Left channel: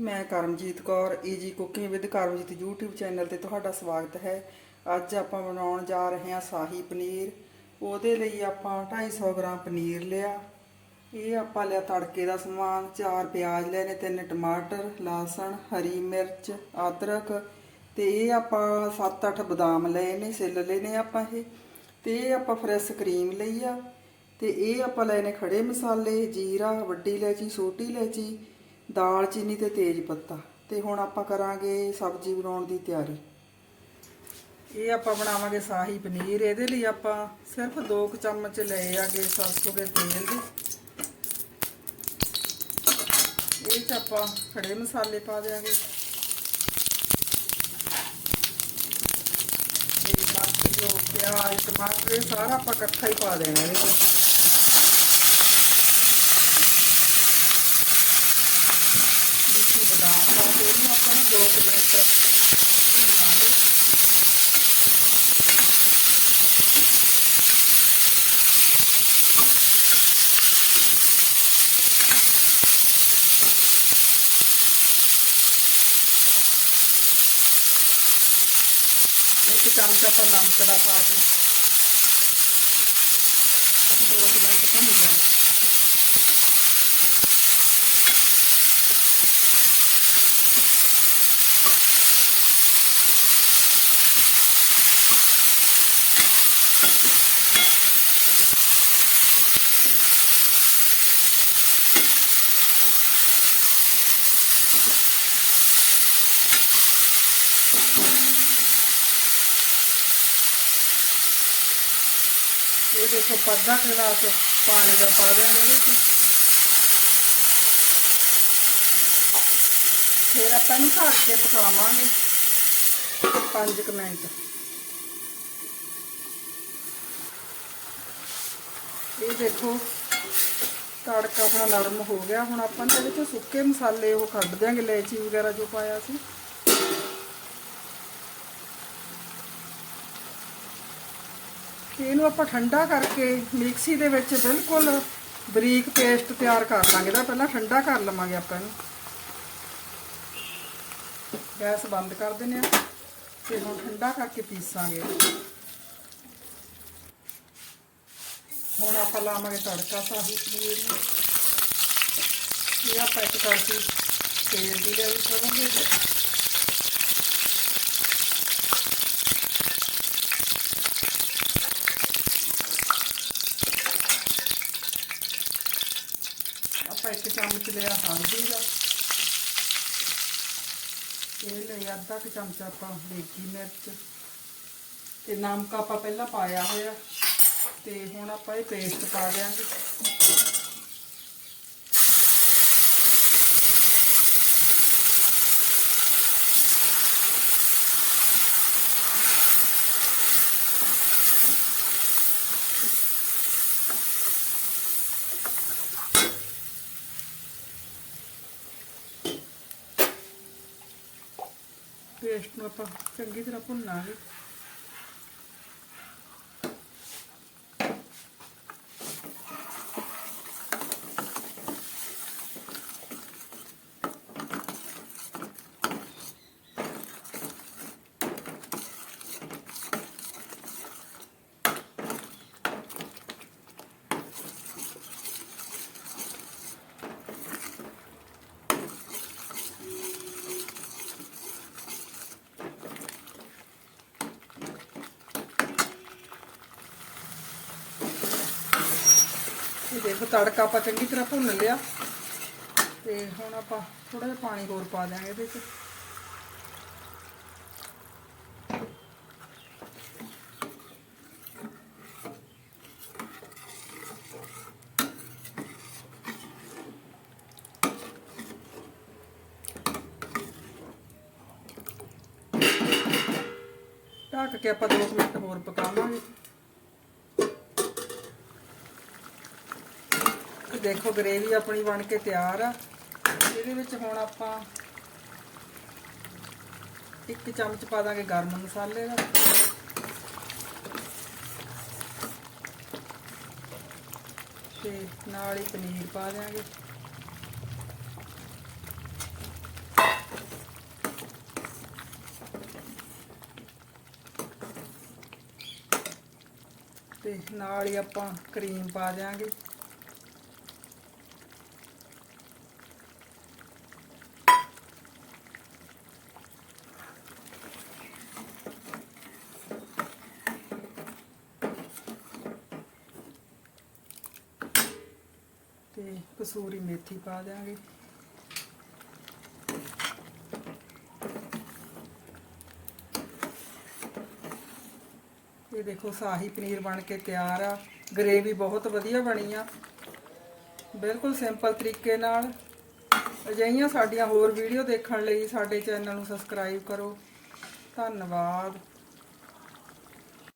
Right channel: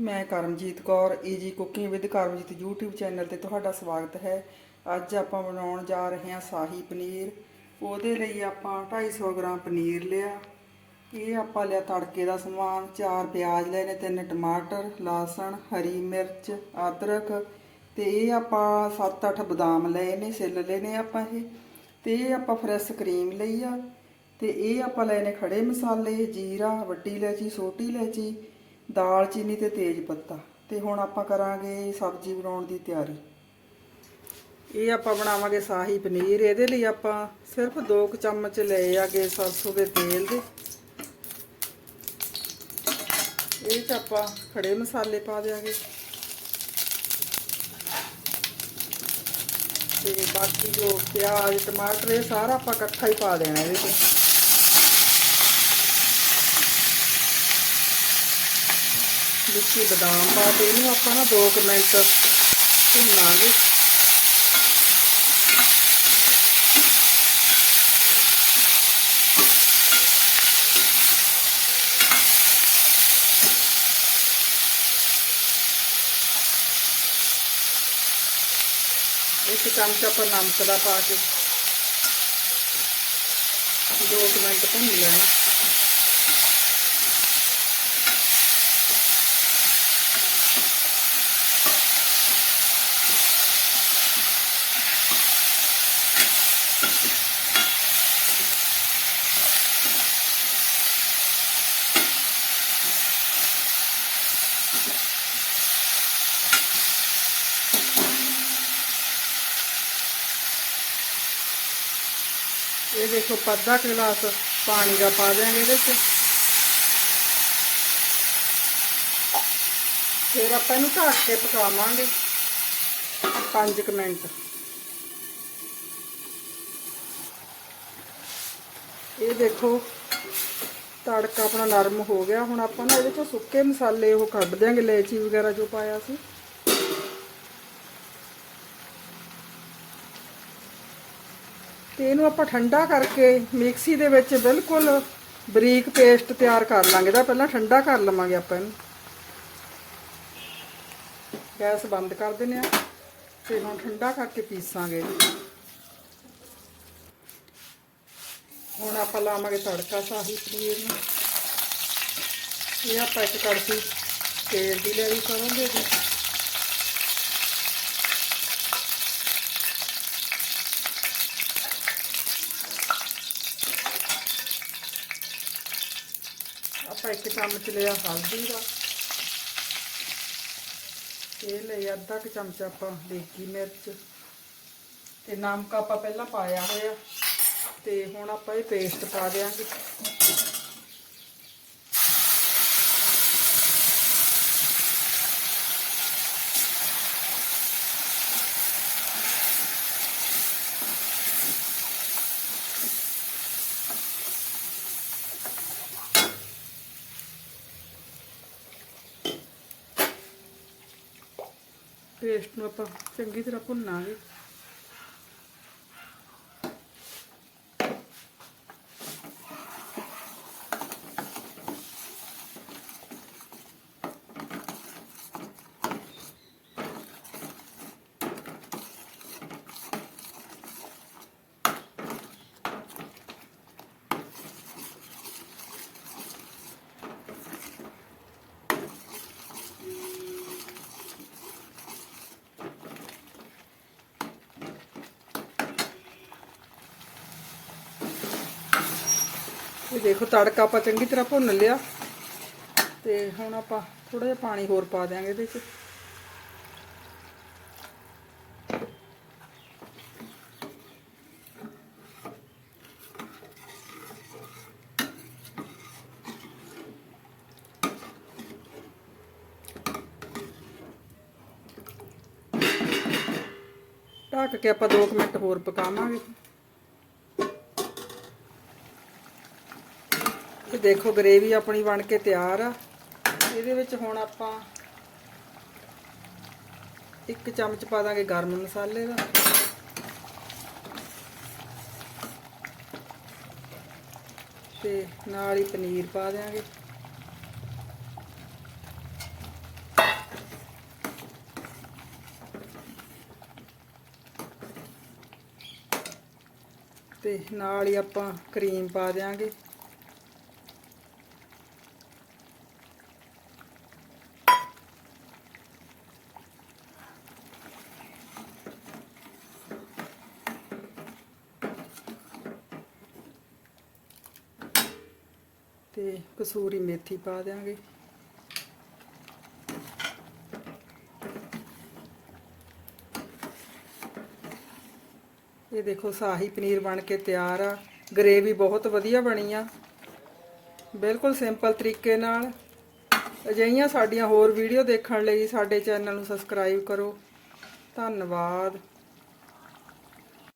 ਮੈਂ Karamjit Kaur easy cooking with Karamjit YouTube channel ਤੇ ਤੁਹਾਡਾ ਸਵਾਗਤ ਹੈ। ਅੱਜ ਆਪਾਂ ਬਣਾਉਣ ਜਾ ਰਹੇ ਹਾਂ ਸ਼ਾਹੀ ਪਨੀਰ। ਉਹਦੇ ਲਈ ਆਪਾਂ 250 ਗ੍ਰਾਮ ਪਨੀਰ ਲਿਆ। ਇਹ ਆਪਾਂ ਲਿਆ ਤੜਕੇ ਦਾ ਸਮਾਨ, ਚਾਰ ਪਿਆਜ਼ ਲਏ ਨੇ ਤਿੰਨ ਟਮਾਟਰ, ਲਸਣ, ਹਰੀ ਮਿਰਚ, ਅਦਰਕ ਤੇ ਇਹ ਆਪਾਂ 7-8 ਬਦਾਮ ਲਏ ਨੇ ਸਿੱਲ ਲਏ ਨੇ ਆਪਾਂ ਇਹ। ਤੇ ਇਹ ਆਪਾਂ ਫਰੈਸ਼ ਕਰੀਮ ਲਈ ਆ। ਤੇ ਇਹ ਆਪਾਂ ਲਏ ਨੇ ਖੜੇ ਮਸਾਲੇ, ਜੀਰਾ, ਵੱਡੀ ਇਲਾਇਚੀ, ਛੋਟੀ ਇਲਾਇਚੀ ਦਾਲਚੀਨੀ ਤੇ ਤੇਜ ਪੱਤਾ। ਤੇ ਹੁਣ ਆਪਾਂ ਕਰਾਂਗੇ ਸਬਜ਼ੀ ਬਣਾਉਣ ਦੀ ਤਿਆਰੀ। ਇਹ ਆਪਾਂ ਬਣਾਵਾਂਗੇ ਸ਼ਾਹੀ ਪਨੀਰ। ਇਹਦੇ ਲਈ ਆਪਾਂ ਸਿਰਫ 2 ਚਮਚ ਲਏ ਆਗੇ ਸਰਸੋਂ ਦੇ ਤੇਲ ਦੇ। ਇਹ ਚ ਆਪਾਂ ਖੜੇ ਮਸਾਲੇ ਪਾ ਦਿਆਂਗੇ। ਤੇ ਬਾਕੀ ਜੋ ਪਿਆਜ਼, ਟਮਾਟਰ, ਇਹ ਸਾਰਾ ਆਪਾਂ ਇਕੱਠਾ ਹੀ ਪਾ ਦੇਣਾ ਇਹਦੇ ਵਿੱਚ ਵਿੱਚ ਬਦਾਮ ਪਾ ਕੇ ਇਹਨੂੰ ਆਪਾਂ ਨਾ 2 ਮਿੰਟ ਭੁੰਨਾਂਗੇ ਇੱਕ ਚਮਚਾ ਆਪਾਂ ਨਮਕ ਦਾ ਪਾ ਕੇ 2 ਮਿੰਟ ਭੁੰਨ ਲੈਣਾ ਇਹ ਦੇਖੋ ਪੱਧਾ ਗਲਾਸ ਪਾਣੀ ਦਾ ਪਾ ਦਿਆਂਗੇ ਇਹਦੇ ਵਿੱਚ। ਫਿਰ ਆਪਾਂ ਨੂੰ ਢੱਕ ਕੇ ਪਕਾਵਾਂਗੇ 5 ਮਿੰਟ। ਇਹ ਦੇਖੋ ਤੜਕਾ ਆਪਣਾ ਨਰਮ ਹੋ ਗਿਆ। ਹੁਣ ਆਪਾਂ ਨਾ ਇਹਦੇ ਤੋਂ ਸੁੱਕੇ ਮਸਾਲੇ ਉਹ ਕੱਢ ਦਿਆਂਗੇ, ਇਲਾਇਚੀ ਵਗੈਰਾ ਜੋ ਪਾਇਆ ਸੀ। ਤੇ ਇਹਨੂੰ ਆਪਾਂ ਠੰਡਾ ਕਰਕੇ ਮਿਕਸੀ ਦੇ ਵਿੱਚ ਬਿਲਕੁਲ ਬਰੀਕ ਪੇਸਟ ਤਿਆਰ ਕਰ ਲਾਂਗੇ। ਦਾ ਪਹਿਲਾਂ ਠੰਡਾ ਕਰ ਲਵਾਂਗੇ ਆਪਾਂ ਇਹਨੂੰ। ਗੈਸ ਬੰਦ ਕਰ ਦਿੰਦੇ ਆ ਤੇ ਹੁਣ ਠੰਡਾ ਕਰਕੇ ਪੀਸਾਂਗੇ। ਹੁਣ ਆਪਾਂ ਲਾਵਾਂਗੇ ਤੜਕਾ ਸਾਹੀ ਪਨੀਰ ਨੂੰ। ਇਹ ਆਪਾਂ ਇੱਕ ਕੜਛੀ ਤੇਲ ਦੀ ਲੈ ਵੀ ਕਰਾਂਗੇ ਆਪਾਂ ਇੱਕ ਚਮਚ ਲਿਆ ਹਲਦੀ ਦਾ। ਇਹ ਲਿਆ ਅੱਧਾ ਕੁ ਚਮਚ ਆਪਾਂ ਦੇਗੀ ਮਿਰਚ ਤੇ ਨਮਕ ਆਪਾਂ ਪਹਿਲਾਂ ਪਾਇਆ ਹੋਇਆ ਤੇ ਹੁਣ ਆਪਾਂ ਇਹ ਪੇਸਟ ਪਾ ਦਿਆਂਗੇ। ਪੇਸਟ ਨੂੰ ਆਪਾਂ ਚੰਗੀ ਤਰ੍ਹਾਂ ਭੁੰਨਾਂਗੇ। ਦੇਖੋ ਤੜਕਾ ਆਪਾਂ ਚੰਗੀ ਤਰ੍ਹਾਂ ਭੁੰਨ ਲਿਆ। ਤੇ ਹੁਣ ਆਪਾਂ ਥੋੜਾ ਜਿਹਾ ਪਾਣੀ ਹੋਰ ਪਾ ਦਿਆਂਗੇ ਇਹਦੇ ਵਿੱਚ ਢੱਕ ਕੇ ਆਪਾਂ 2 ਮਿੰਟ ਹੋਰ ਪਕਾਵਾਂਗੇ। ਤੇ ਦੇਖੋ ਗਰੇਵੀ ਆਪਣੀ ਬਣ ਕੇ ਤਿਆਰ ਆ। ਇਹਦੇ ਵਿੱਚ ਹੁਣ ਆਪਾਂ ਇੱਕ ਚਮਚ ਪਾ ਦਾਂਗੇ ਗਰਮ ਮਸਾਲੇ ਦਾ। ਤੇ ਨਾਲ ਹੀ ਪਨੀਰ ਪਾ ਦਿਆਂਗੇ। ਤੇ ਨਾਲ ਹੀ ਆਪਾਂ ਕਰੀਮ ਪਾ ਦਿਆਂਗੇ। ਤੇ ਕਸੂਰੀ ਮੇਥੀ ਪਾ ਦਿਆਂਗੇ। ਇਹ ਦੇਖੋ ਸਾਹੀ ਪਨੀਰ ਬਣ ਕੇ ਤਿਆਰ ਆ। ਗਰੇਵੀ ਬਹੁਤ ਵਧੀਆ ਬਣੀ ਆ। ਬਿਲਕੁਲ ਸਿੰਪਲ ਤਰੀਕੇ ਨਾਲ। ਅਜਿਹੀਆਂ ਸਾਡੀਆਂ ਹੋਰ ਵੀਡੀਓ ਦੇਖਣ ਲਈ ਸਾਡੇ ਚੈਨਲ ਨੂੰ ਸਬਸਕ੍ਰਾਈਬ ਕਰੋ। ਧੰਨਵਾਦ।